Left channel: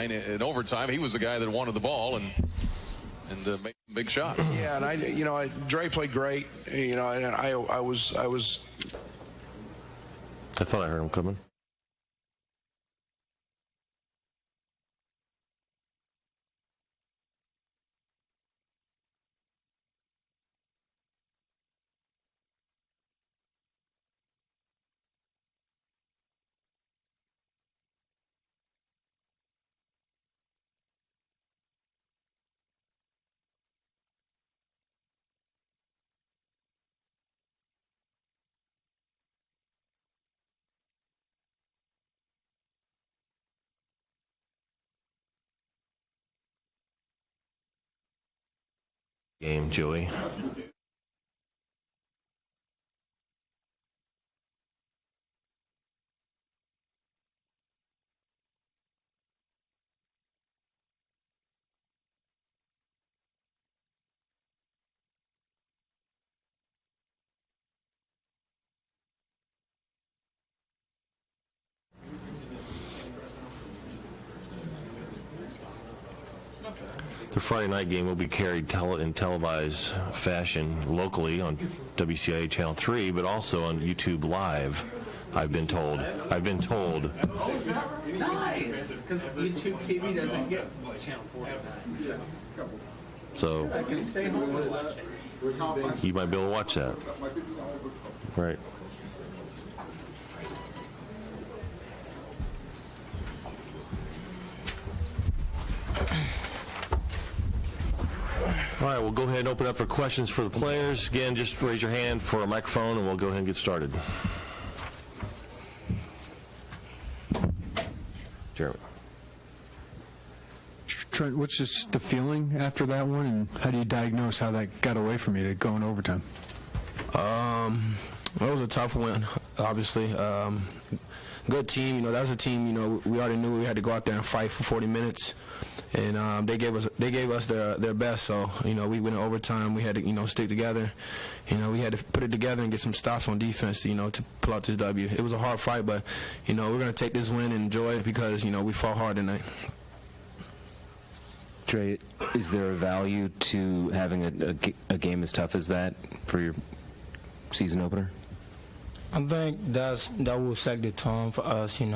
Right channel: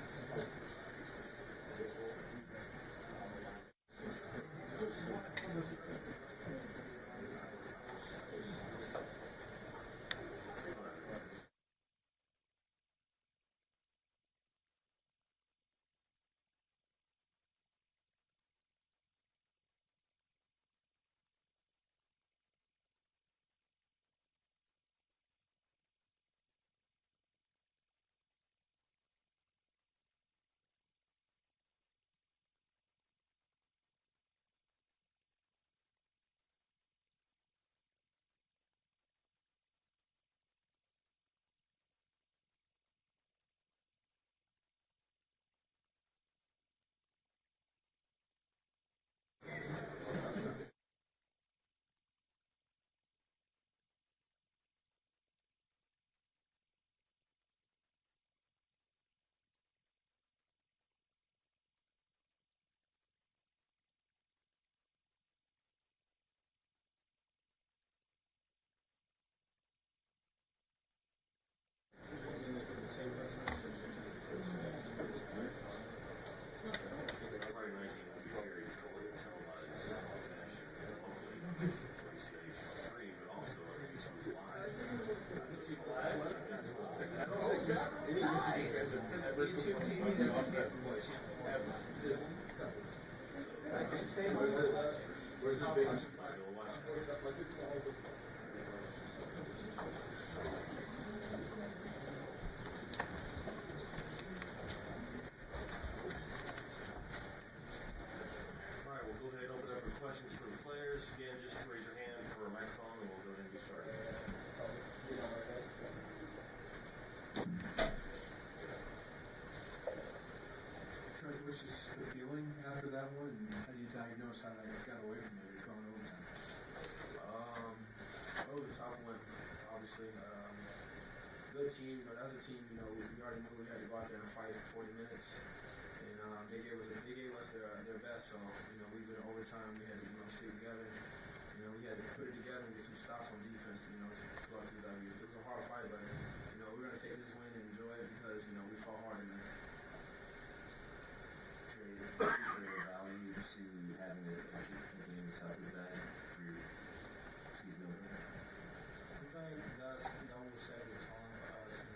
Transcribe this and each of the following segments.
line. In overtime, he was the guy that wanted the ball and made a big shot. Yeah, and Dre played great. And I thought I heard him coming. Game, Joey. The Friday night game will be carried in televised fashion locally on WCIA Channel 3, but also on YouTube Live, I've been told. Nice, because YouTube TV doesn't get Channel 4. So you might be able to watch that. Right. All right, we'll go ahead and open up for questions for the players. Again, just raise your hand for a microphone, and we'll go ahead and get started. Jeremy. Trent, what's just the feeling after that one, and how do you diagnose how that got away from you to go in overtime? It was a tough one, obviously. Good team, that was a team, we already knew we had to go out there and fight for 40 minutes. And they gave us their best, so we went in overtime. We had to stick together. We had to put it together and get some stops on defense to pull out this W. It was a hard fight, but we're gonna take this win and enjoy it because we fought hard tonight. Trey, is there a value to having a game as tough as that for your season opener? I think that will set the tone for us, and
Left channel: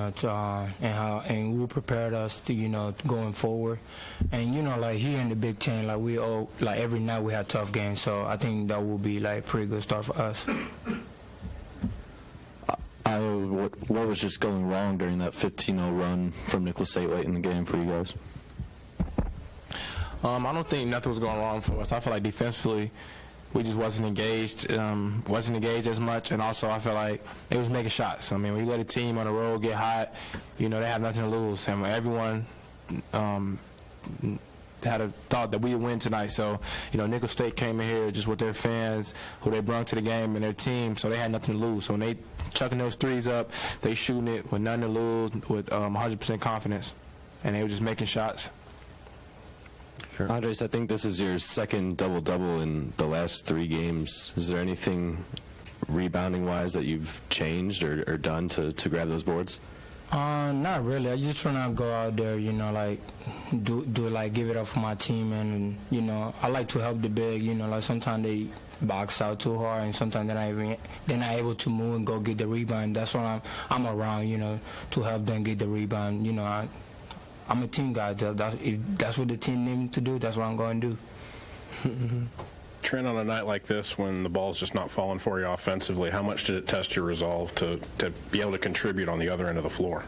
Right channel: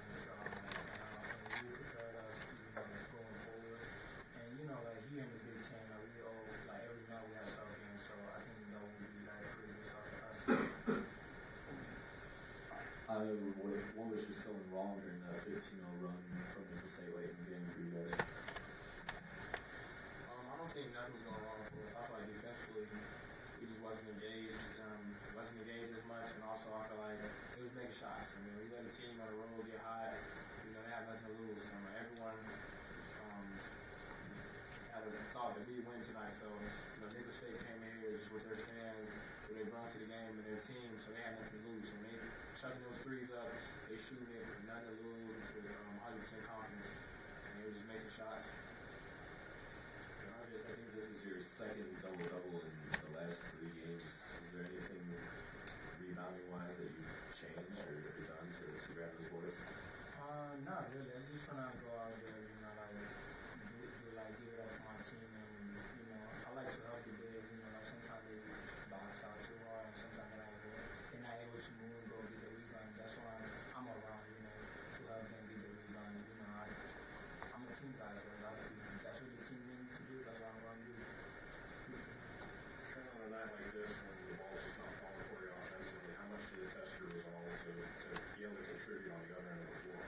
will prepare us to, going forward. And like here in the Big Ten, every night we have tough games, so I think that will be a pretty good start for us. What was just going wrong during that 15-0 run from Nicholls State late in the game for you guys? I don't think nothing was going wrong for us. I feel like defensively, we just wasn't engaged as much, and also I feel like they was making shots. I mean, when you let a team on the road get hot, they have nothing to lose. And everyone had a thought that we would win tonight. So, Nicholls State came in here just with their fans, who they brought to the game, and their team, so they had nothing to lose. So when they chucking those threes up, they shooting it with nothing to lose, with 100% confidence, and they were just making shots. Andres, I think this is your second double-double in the last 3 games. Is there anything rebounding-wise that you've changed or done to grab those boards? Not really. I just trying to go out there, give it up for my team, and I like to help the big. Sometimes they box out too hard, and sometimes they're not able to move and go get the rebound. That's why I'm around, to help them get the rebound. I'm a team guy. If that's what the team needs to do, that's what I'm going to do. Trent, on a night like this, when the ball's just not falling for you offensively, how much did it test your resolve to be able to contribute on the other end of the floor?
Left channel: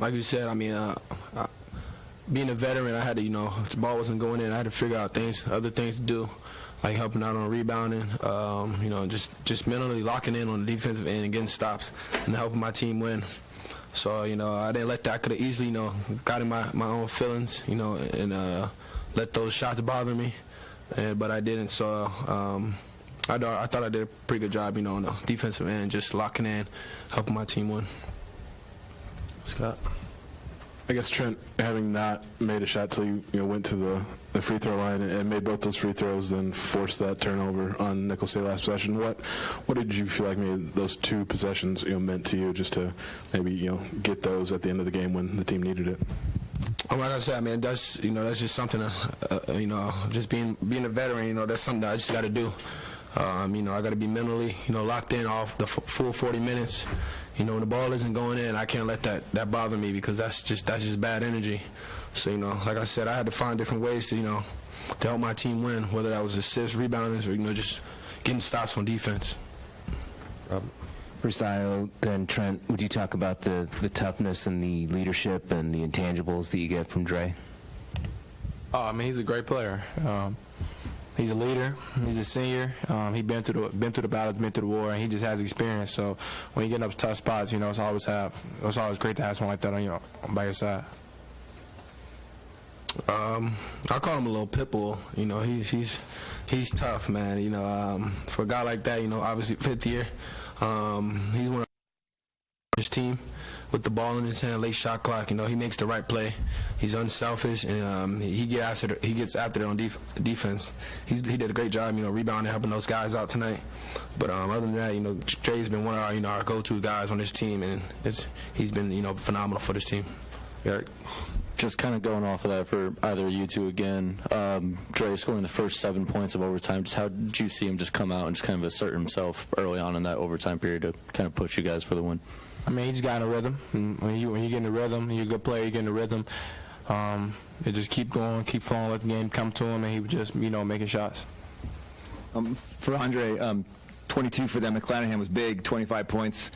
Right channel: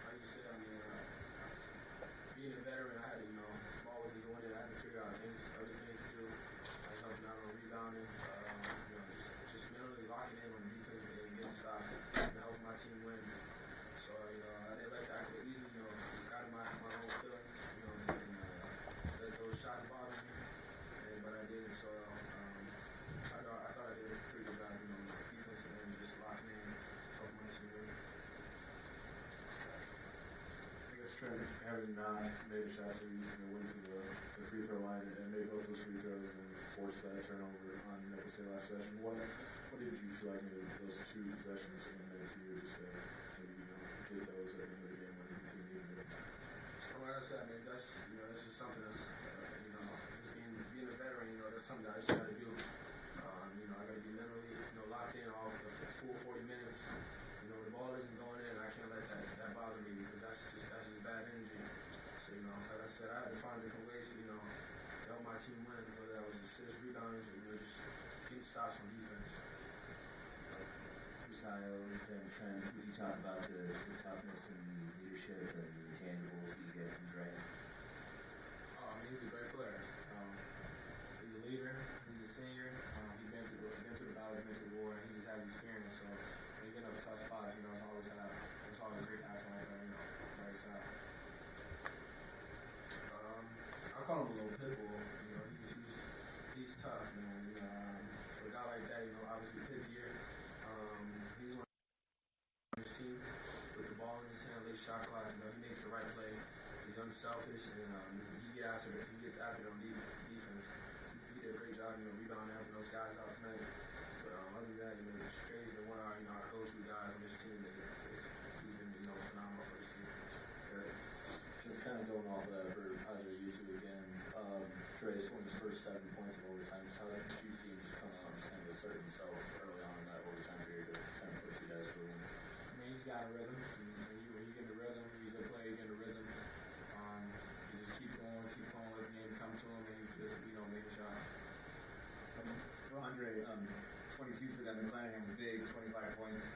Like you said, being a veteran, I had to, if the ball wasn't going in, I had to figure out other things to do, like helping out on rebounding, just mentally locking in on the defensive end and getting stops and helping my team win. So, I didn't let that. I could have easily, got in my own feelings, and let those shots bother me, but I didn't. So I thought I did a pretty good job, on the defensive end, just locking in, helping my team win. Scott? I guess, Trent, having not made a shot till you went to the free throw line and made both those free throws, then forced that turnover on Nicholls State last possession. What did you feel like maybe those two possessions meant to you, just to maybe get those at the end of the game when the team needed it? Like I said, man, that's just something. Just being a veteran, that's something that I just got to do. I got to be mentally, locked in off the full 40 minutes. When the ball isn't going in, I can't let that bother me, because that's just bad energy. So, like I said, I had to find different ways to help my team win, whether that was assists, rebounding, or, just getting stops on defense. First, then Trent, would you talk about the toughness and the leadership and the intangibles that you get from Dre? He's a great player. He's a leader. He's a senior. He's been through the battles, been through the war, and he just has experience. So when you get up to tough spots, it's always great to have someone like that on by your side. I call him a little pit bull. He's tough, man. For a guy like that, obviously fifth year. He's one of his team with the ball in his hand, late shot clock. He makes the right play. He's unselfish, and he gets after it on defense. He did a great job, rebounding, helping those guys out tonight. But other than that, Dre's been one of our go-to guys on this team, and he's been phenomenal for this team. Eric? Just kind of going off of that for either of you two again, Dre scoring the first 7 points of overtime, just how did you see him just come out and just kind of assert himself early on in that overtime period to kind of push you guys for the win? He just got in a rhythm. When you get in a rhythm, you're a good player, you get in a rhythm, it just keep going, keep flowing, let the game come to him, and he was just, making shots. For Andre, 22 for them. McClanahan was big, 25 points.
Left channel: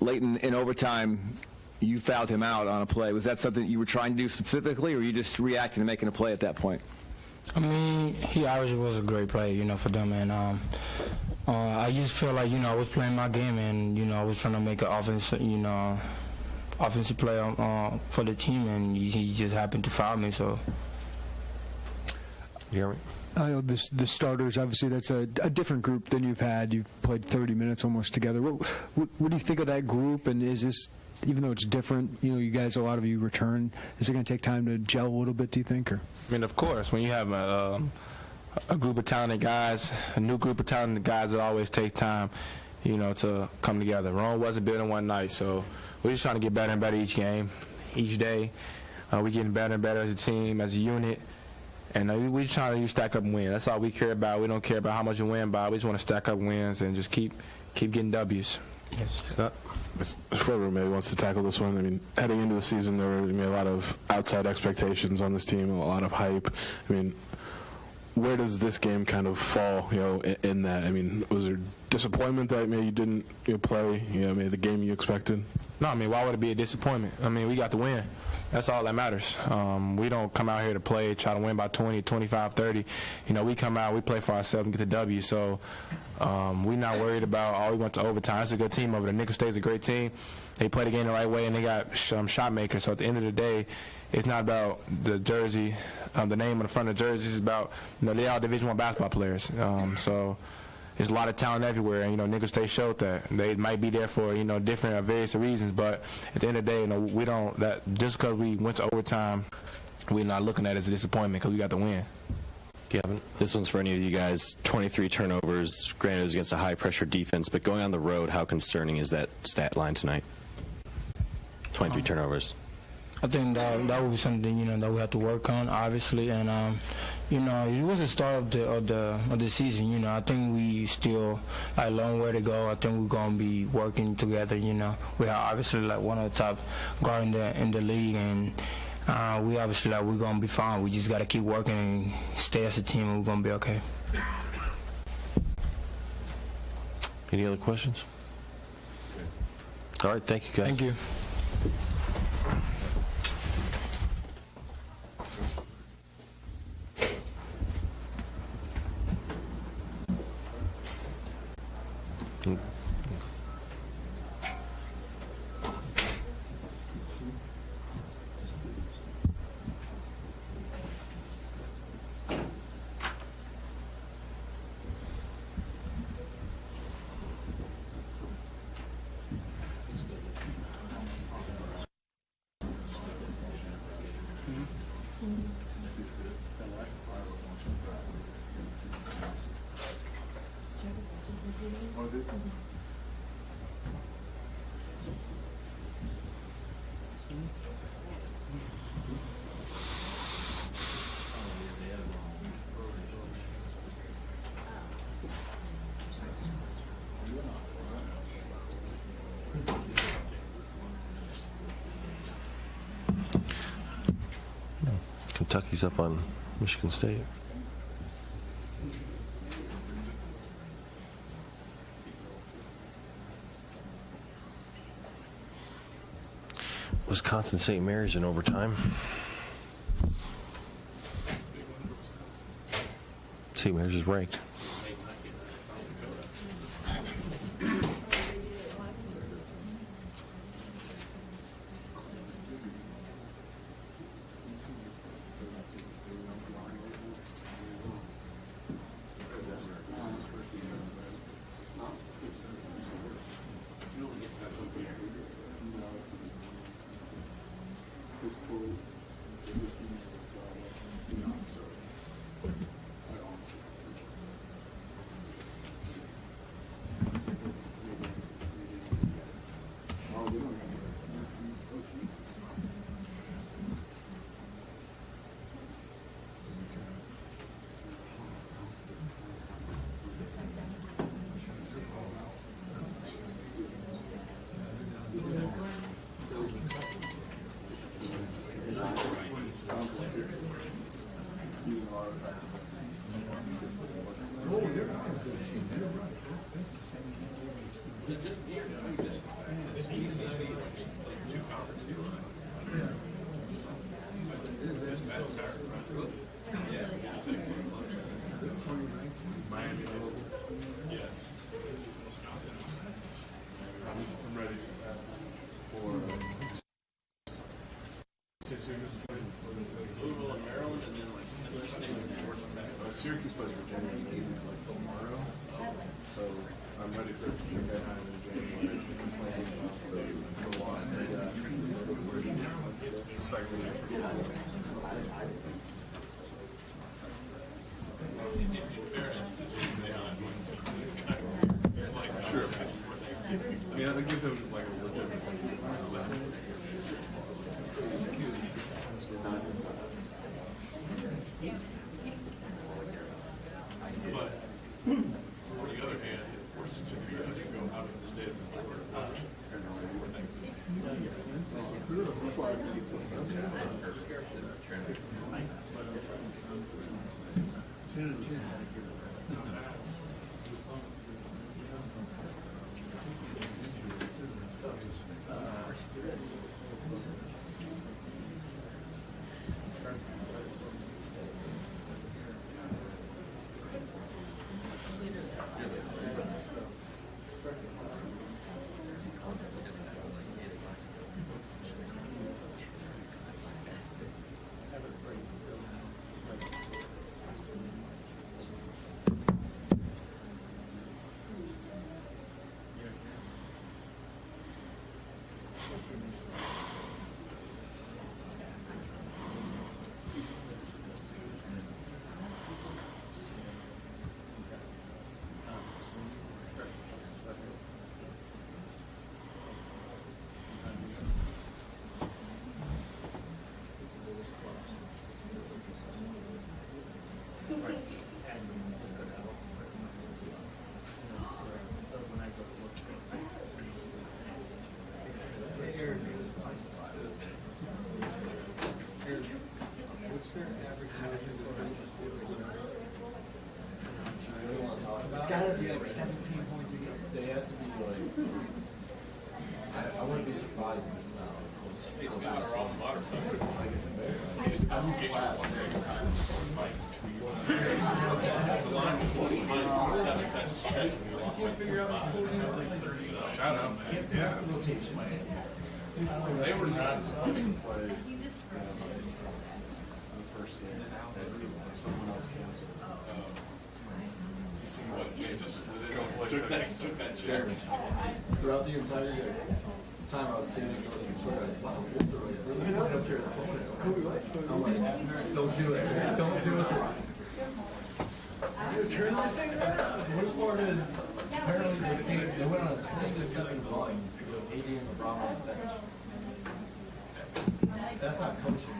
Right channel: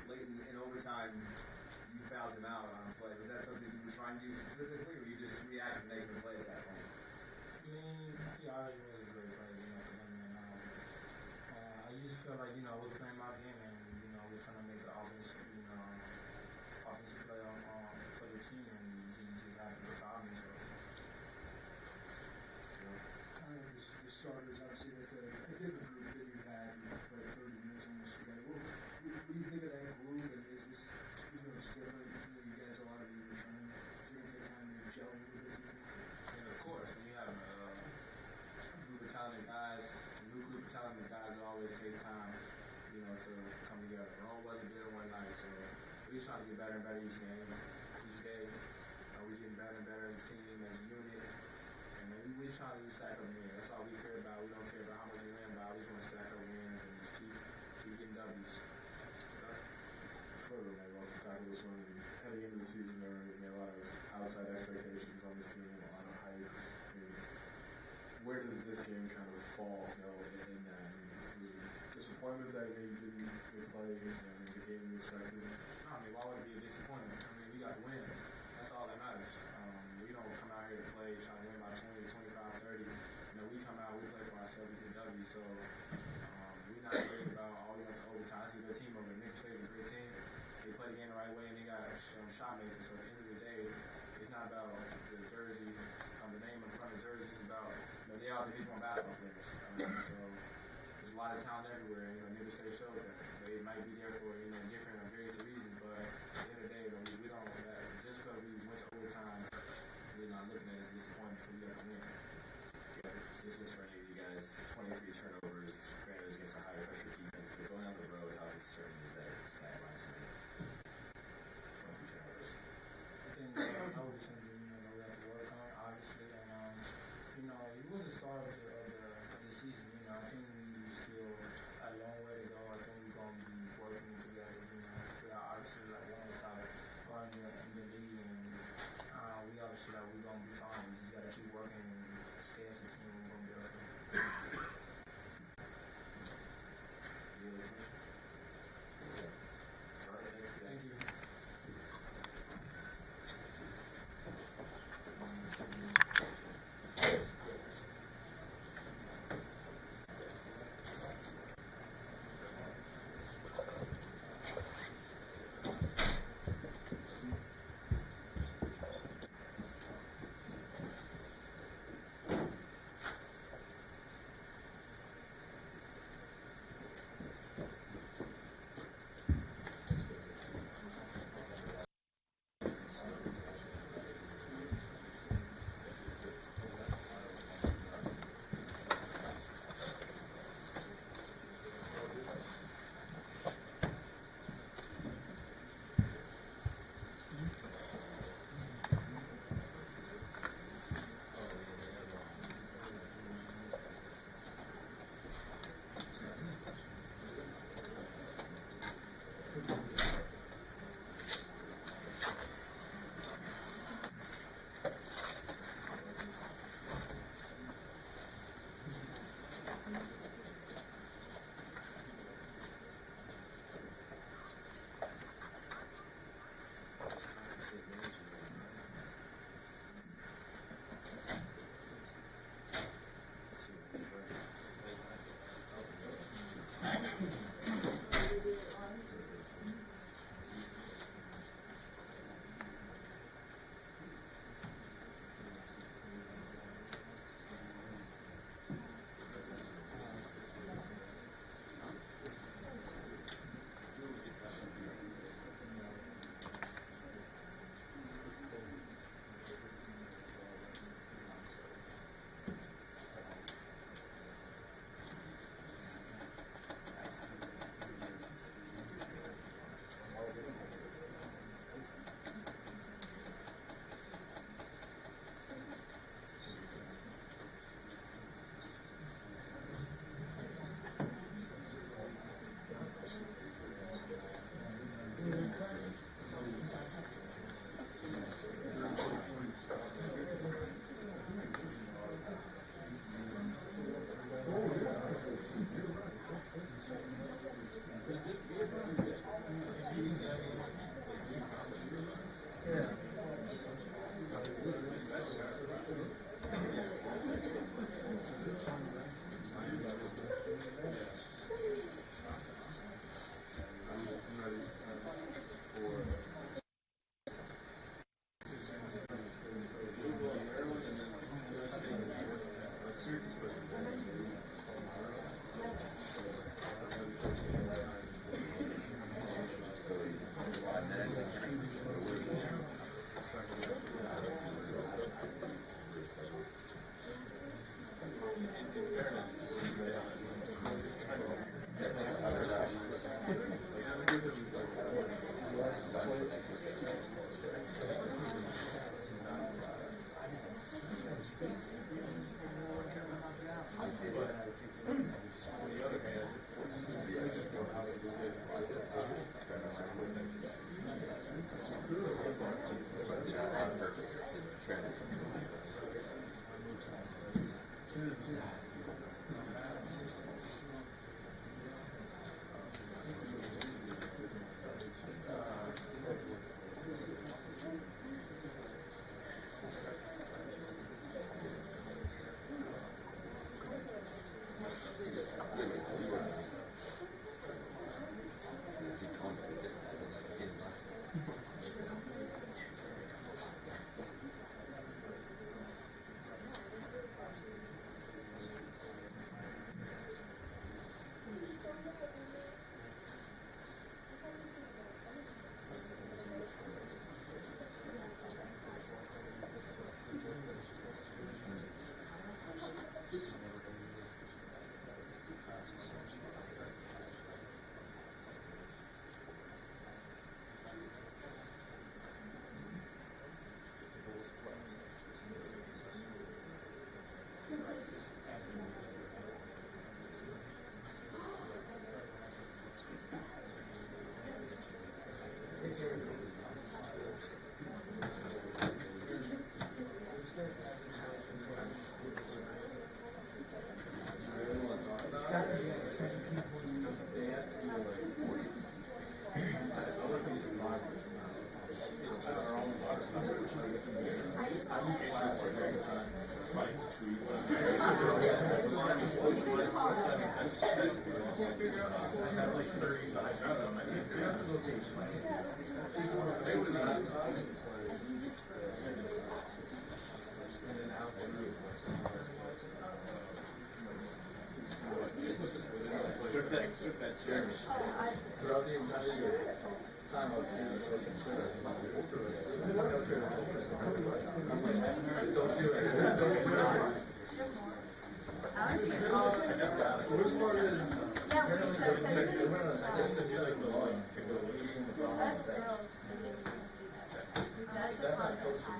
Late in overtime, you fouled him out on a play. Was that something you were trying to do specifically, or you just reacting to making a play at that point? He obviously was a great player, for them, and I just feel like, I was playing my game, and, I was trying to make an offensive play for the team, and he just happened to foul me, so. Yeah. I know the starters, obviously that's a different group than you've had. You've played 30 minutes almost together. What do you think of that group, and is this, even though it's different, you guys, a lot of you return, is it going to take time to gel a little bit, do you think? Or? Of course, when you have a group of talented guys, a new group of talented guys, it always takes time, to come together. Rome wasn't built in one night, so we're just trying to get better and better each game, each day. We're getting better and better as a team, as a unit, and we're trying to stack up and win. That's all we care about. We don't care about how much you win by. We just want to stack up wins and just keep getting W's. Yes. Whoever maybe wants to tackle this one, heading into the season, there were a lot of outside expectations on this team, a lot of hype. Where does this game kind of fall, in that? Was there disappointment that maybe you didn't play, maybe the game you expected? No, why would it be a disappointment? We got the win. That's all that matters. We don't come out here to play, try to win by 20, 25, 30. We come out, we play for ourselves and get the W. So we're not worried about, we went to overtime. It's a good team over there. Nicholls State's a great team. They play the game the right way, and they got shot makers. So at the end of the day, it's not about the jersey, the name on the front of the jersey. It's about, they're all Division I basketball players. So there's a lot of talent everywhere, and Nicholls State showed that. They might be there for different various reasons, but at the end of the day, we don't, that just because we went to overtime, we're not looking at it as a disappointment because we got the win. Kevin, this one's for any of you guys. 23 turnovers, granted it was against a high pressure defense, but going on the road, how concerning is that stat line tonight? 23 turnovers. I think that would be something that we have to work on, obviously, and it was the start of the season. I think we still a long way to go. I think we're gonna be working together. We are obviously one of the top guards in the league, and we obviously we're gonna be fine. We just gotta keep working and stay as a team, and we're gonna be okay. Any other questions? All right, thank you, guys. Thank you. Kentucky's up on Michigan State. Wisconsin St. Mary's in overtime. St. Mary's is ranked. It's got to be like 17 points. They have to be like. I wouldn't be surprised if it's not. I'm glad every time fights tweet. They were not supposed to play the first game. Someone else canceled. Took that chair. Throughout the entire time I was sitting there, don't do it. Don't do it. The worst part is apparently they went on a 26-7 volume to go 80 in the problem. That's not coaching.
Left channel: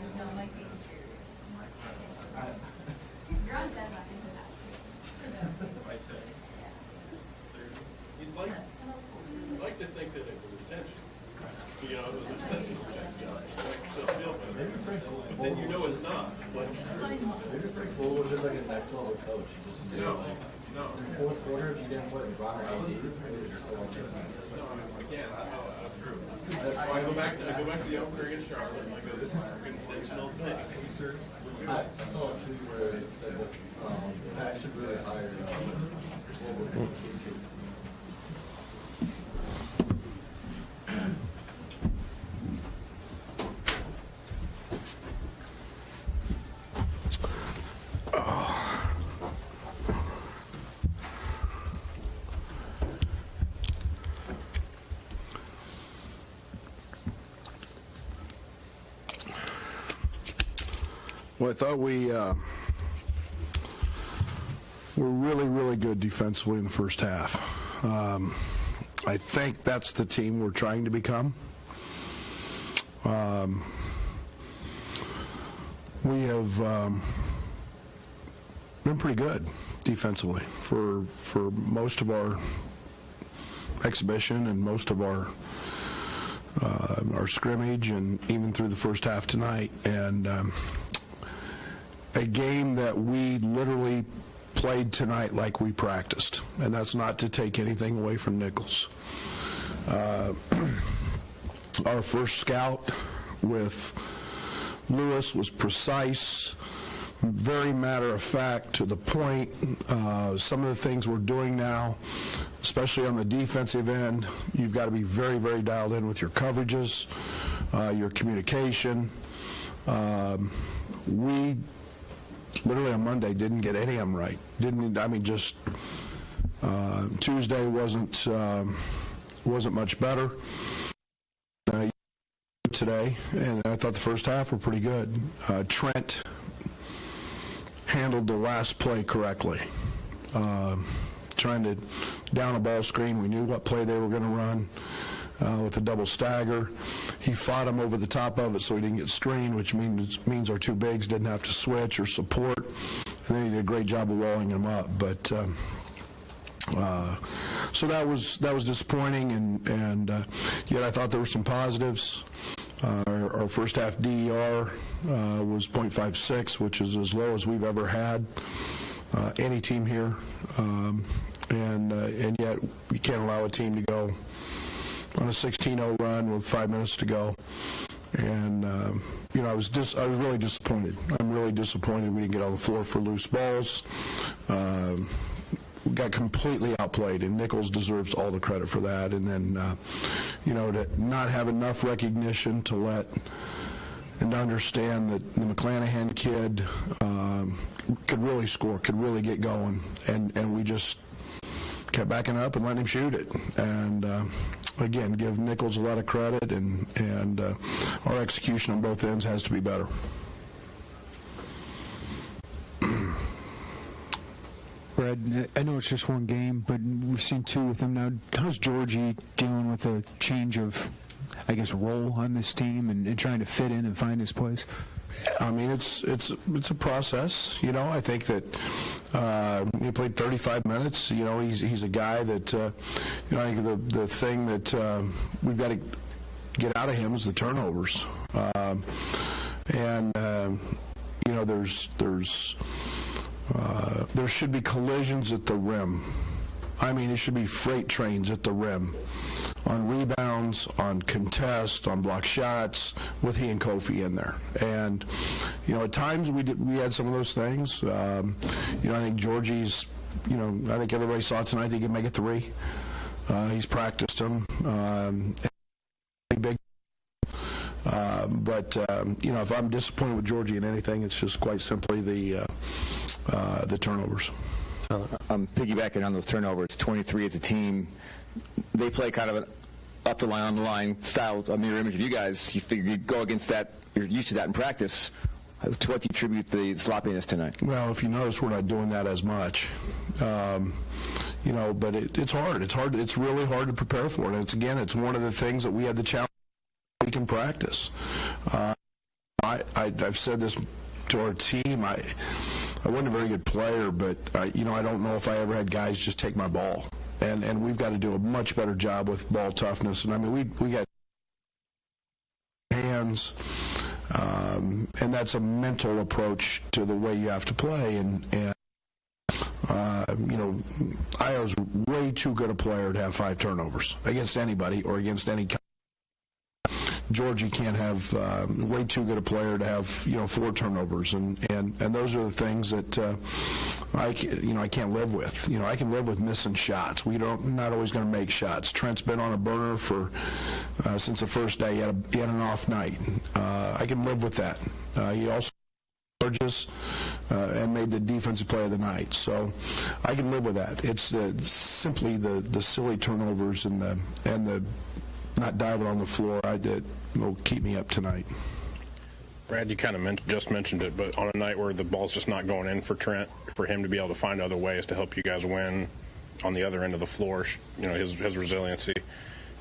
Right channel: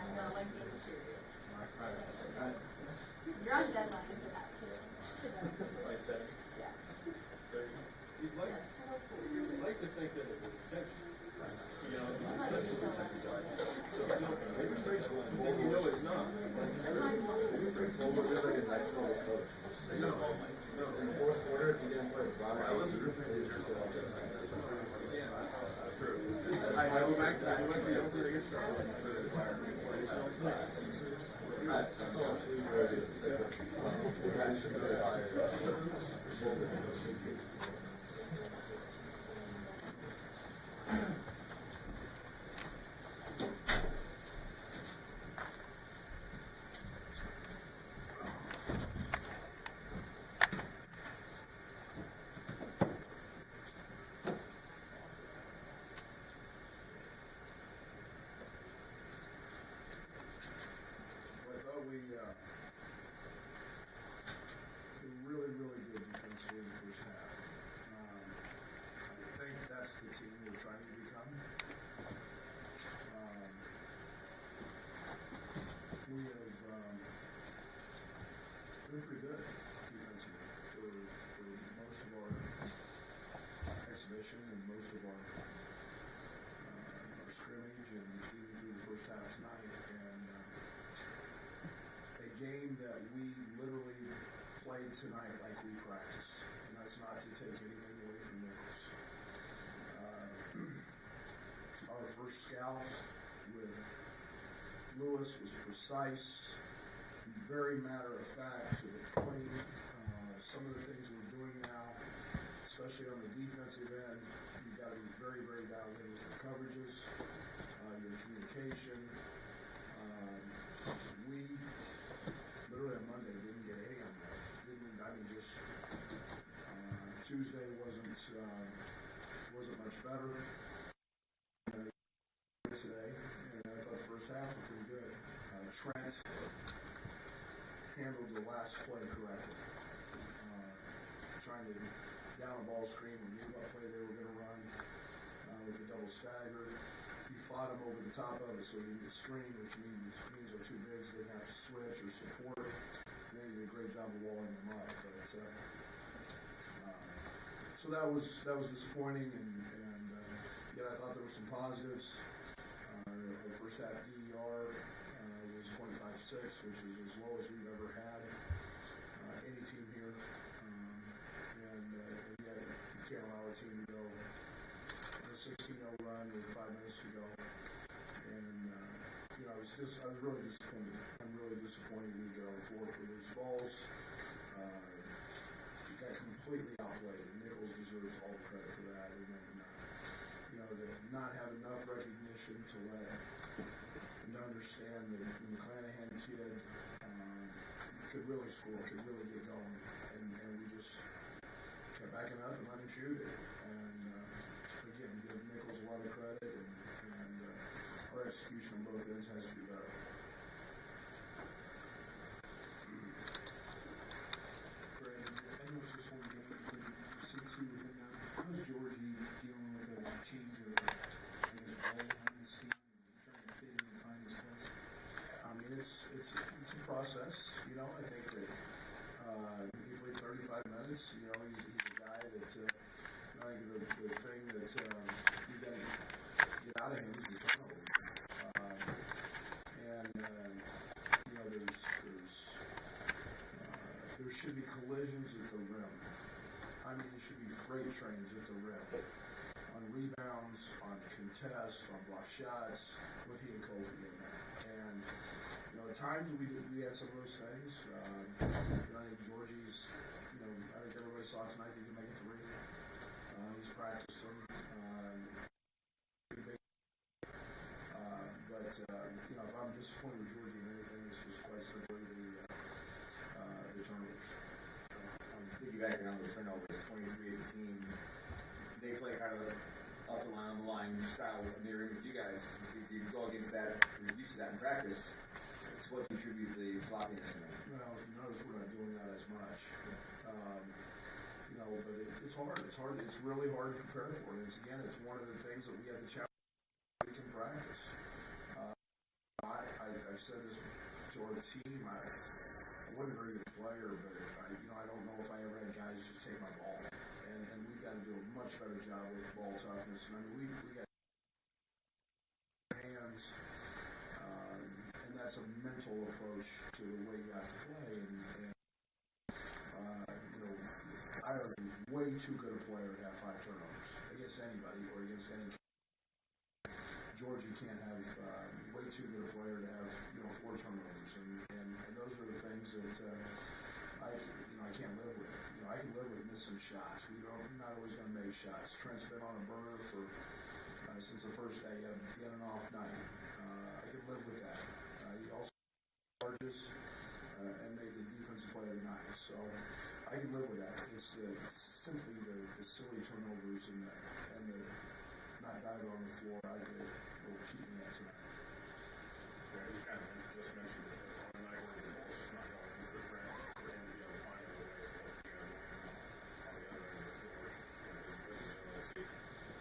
You'd like to think that it was intentional. You know, it was intentional. But then you know it's not. Like, coach. You just say, like, in the fourth quarter, if you didn't play LeBron or AD, you just go on this night. I go back to the opener against Charlotte. I saw a tweet where it said that that should really hire what we're doing. Well, I thought we were really, really good defensively in the first half. I think that's the team we're trying to become. We have been pretty good defensively for most of our exhibition and most of our scrimmage and even through the first half tonight. And a game that we literally played tonight like we practiced, and that's not to take anything away from Nicholls. Our first scout with Lewis was precise, very matter of fact, to the point. Some of the things we're doing now, especially on the defensive end, you've got to be very, very dialed in with your coverages, your communication. We literally on Monday didn't get any of them right. Tuesday wasn't much better. Today, and I thought the first half were pretty good. Trent handled the last play correctly. Trying to down a ball screen, we knew what play they were going to run with a double stagger. He fought him over the top of it so he didn't get screened, which means our two bigs didn't have to switch or support, and then he did a great job of walling him up. But so that was disappointing, and yet I thought there were some positives. Our first half DER was .56, which is as low as we've ever had any team here, and yet you can't allow a team to go on a 16-0 run with 5 minutes to go. And I was really disappointed. I'm really disappointed we didn't get on the floor for loose balls. We got completely outplayed, and Nicholls deserves all the credit for that. And then, to not have enough recognition to let and to understand that the McClanahan kid could really score, could really get going, and we just kept backing up and letting him shoot it. And again, give Nicholls a lot of credit, and our execution on both ends has to be better. Brad, I know it's just one game, but we've seen two with him now. How's Georgie dealing with a change of, I guess, role on this team and trying to fit in and find his place? I mean, it's a process. I think that he played 35 minutes. He's a guy that I think the thing that we've got to get out of him is the turnovers. There should be collisions at the rim. I mean, it should be freight trains at the rim on rebounds, on contests, on block shots, with he and Kofi in there. And at times we had some of those things. I think Georgie's. I think everybody saw tonight he can make a three. He's practiced them. Big. But if I'm disappointed with Georgie in anything, it's just quite simply the turnovers. Piggybacking on those turnovers, 23 as a team, they play kind of an up the line, on the line style, a mirror image of you guys. You figure you go against that, you're used to that in practice. To what do you attribute the sloppiness tonight? Well, if you notice, we're not doing that as much. But it's hard. It's really hard to prepare for it. It's one of the things that we had the challenge we can practice. I've said this to our team. I wasn't a very good player, but I don't know if I ever had guys just take my ball. And we've got to do a much better job with ball toughness. And I mean, we got hands, and that's a mental approach to the way you have to play. And Iowa's way too good a player to have 5 turnovers against anybody or against any. Georgia can't have way too good a player to have 4 turnovers, and those are the things that I can't live with. I can live with missing shots. Not always going to make shots. Trent's been on a burner for since the first day. He had an off night. I can live with that. He also charges and made the defensive play of the night, so I can live with that. It's simply the silly turnovers and the not diving on the floor that will keep me up tonight. Brad, you kind of just mentioned it, but on a night where the ball's just not going in for Trent, for him to be able to find other ways to help you guys win on the other end of the floor, his resiliency,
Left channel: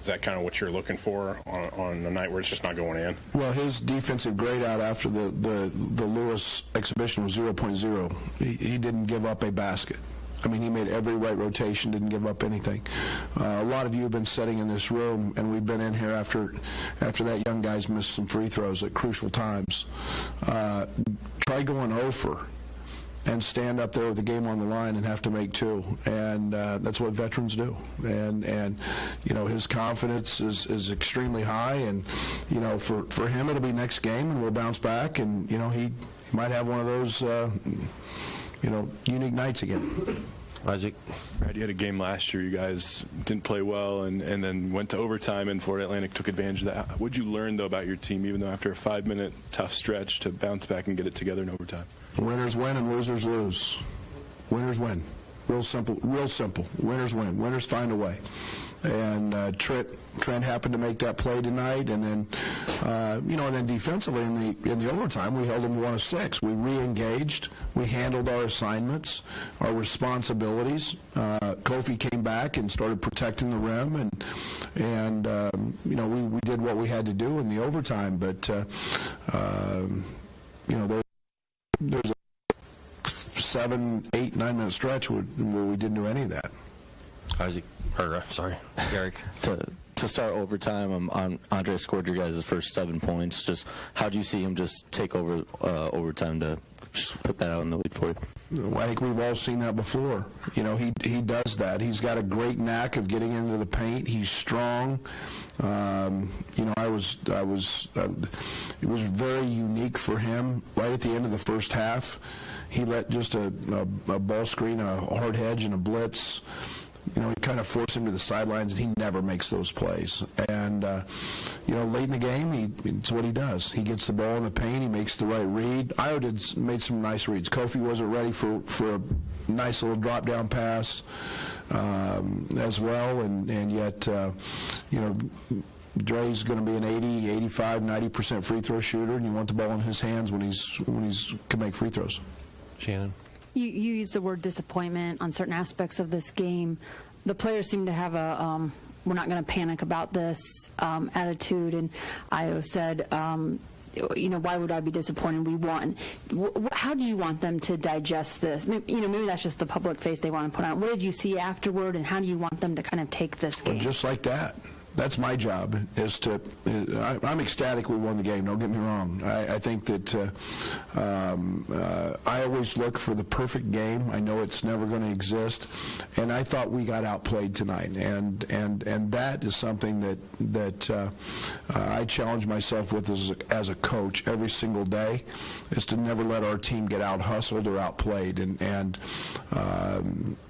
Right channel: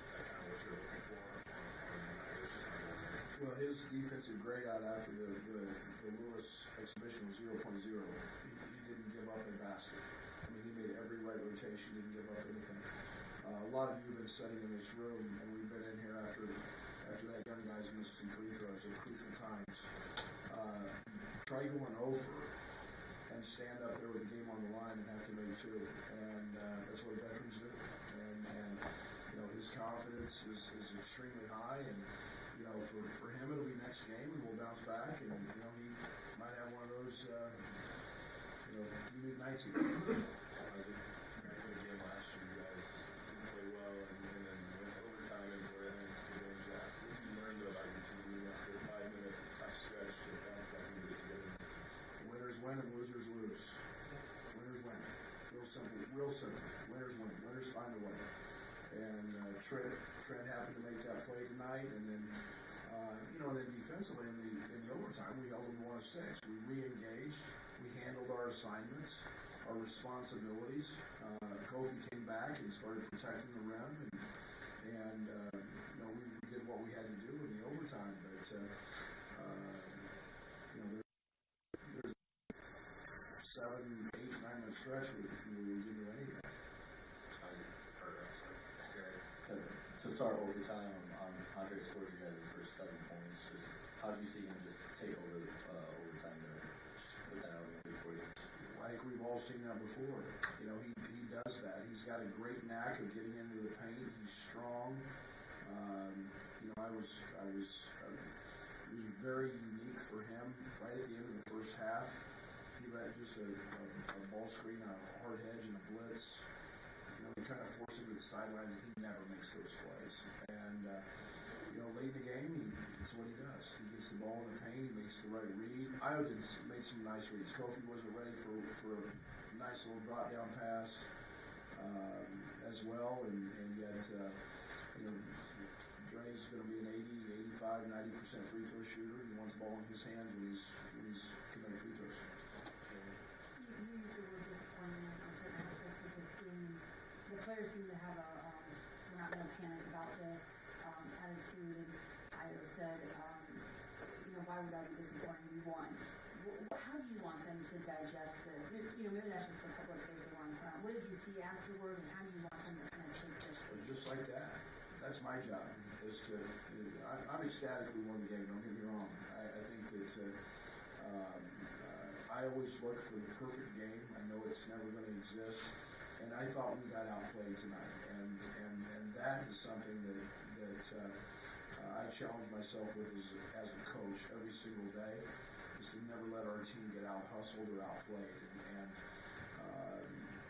is that kind of what you're looking for on a night where it's just not going in? Well, his defensive grade out after the Lewis exhibition was 0.0. He didn't give up a basket. I mean, he made every right rotation, didn't give up anything. A lot of you have been sitting in this room, and we've been in here after that young guy's missed some free throws at crucial times. Try going over and stand up there with the game on the line and have to make 2, and that's what veterans do. And his confidence is extremely high, and for him it'll be next game, and we'll bounce back, and he might have one of those unique nights again. Isaac? Brad, you had a game last year. You guys didn't play well and then went to overtime, and Florida Atlantic took advantage of that. What did you learn, though, about your team, even though after a 5-minute tough stretch, to bounce back and get it together in overtime? Winners win and losers lose. Winners win. Real simple. Real simple. Winners win. Winners find a way. And Trent happened to make that play tonight, and then and then defensively in the overtime we held them 1 of 6. We re-engaged, we handled our assignments, our responsibilities. Kofi came back and started protecting the rim, and we did what we had to do in the overtime. But there's a 7, 8, 9 minute stretch where we didn't do any of that. Isaac, Eric. To start overtime, Andre scored your guys' first 7 points. Just how do you see him just take over overtime to just put that out in the lead for you? Well, I think we've all seen that before. He does that. He's got a great knack of getting into the paint. He's strong. It was very unique for him. Right at the end of the first half, he let just a ball screen, a hard hedge, and a blitz. He kind of forced him to the sidelines, and he never makes those plays. And, late in the game, it's what he does. He gets the ball in the paint, he makes the right read. Iowa made some nice reads. Kofi wasn't ready for a nice little drop-down pass as well, and yet, Dre's going to be an 80, 85, 90% free throw shooter, and you want the ball in his hands when he's can make free throws. Shannon? You use the word disappointment on certain aspects of this game. The players seem to have a we're not going to panic about this attitude, and Io said, why would I be disappointed? We won. How do you want them to digest this? Maybe that's just the public face they want to put on. What did you see afterward, and how do you want them to kind of take this game? Well, just like that. That's my job, I'm ecstatic we won the game, don't get me wrong. I think that I always look for the perfect game. I know it's never going to exist, and I thought we got outplayed tonight, and that is something that I challenge myself with as a coach every single day, is to never let our team get out-hustled or outplayed, and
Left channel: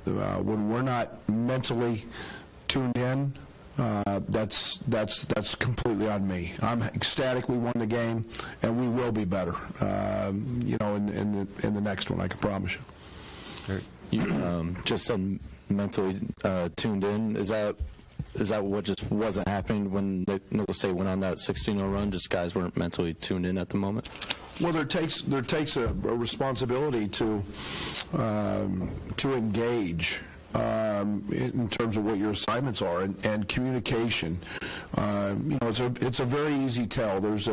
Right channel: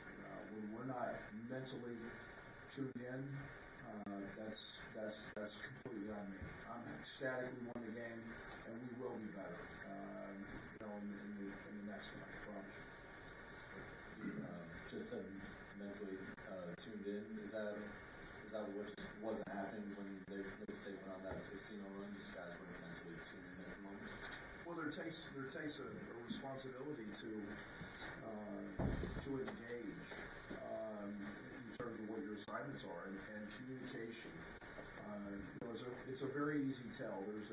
when we're not mentally tuned in, that's completely on me. I'm ecstatic we won the game, and we will be better, in the next one. I can promise you. You just said mentally tuned in. Is that what just wasn't happening when Nicholls State went on that 16-0 run? Just guys weren't mentally tuned in at the moment. Well, there takes a responsibility to engage. In terms of what your assignments are, and communication. It's a very easy tell. There's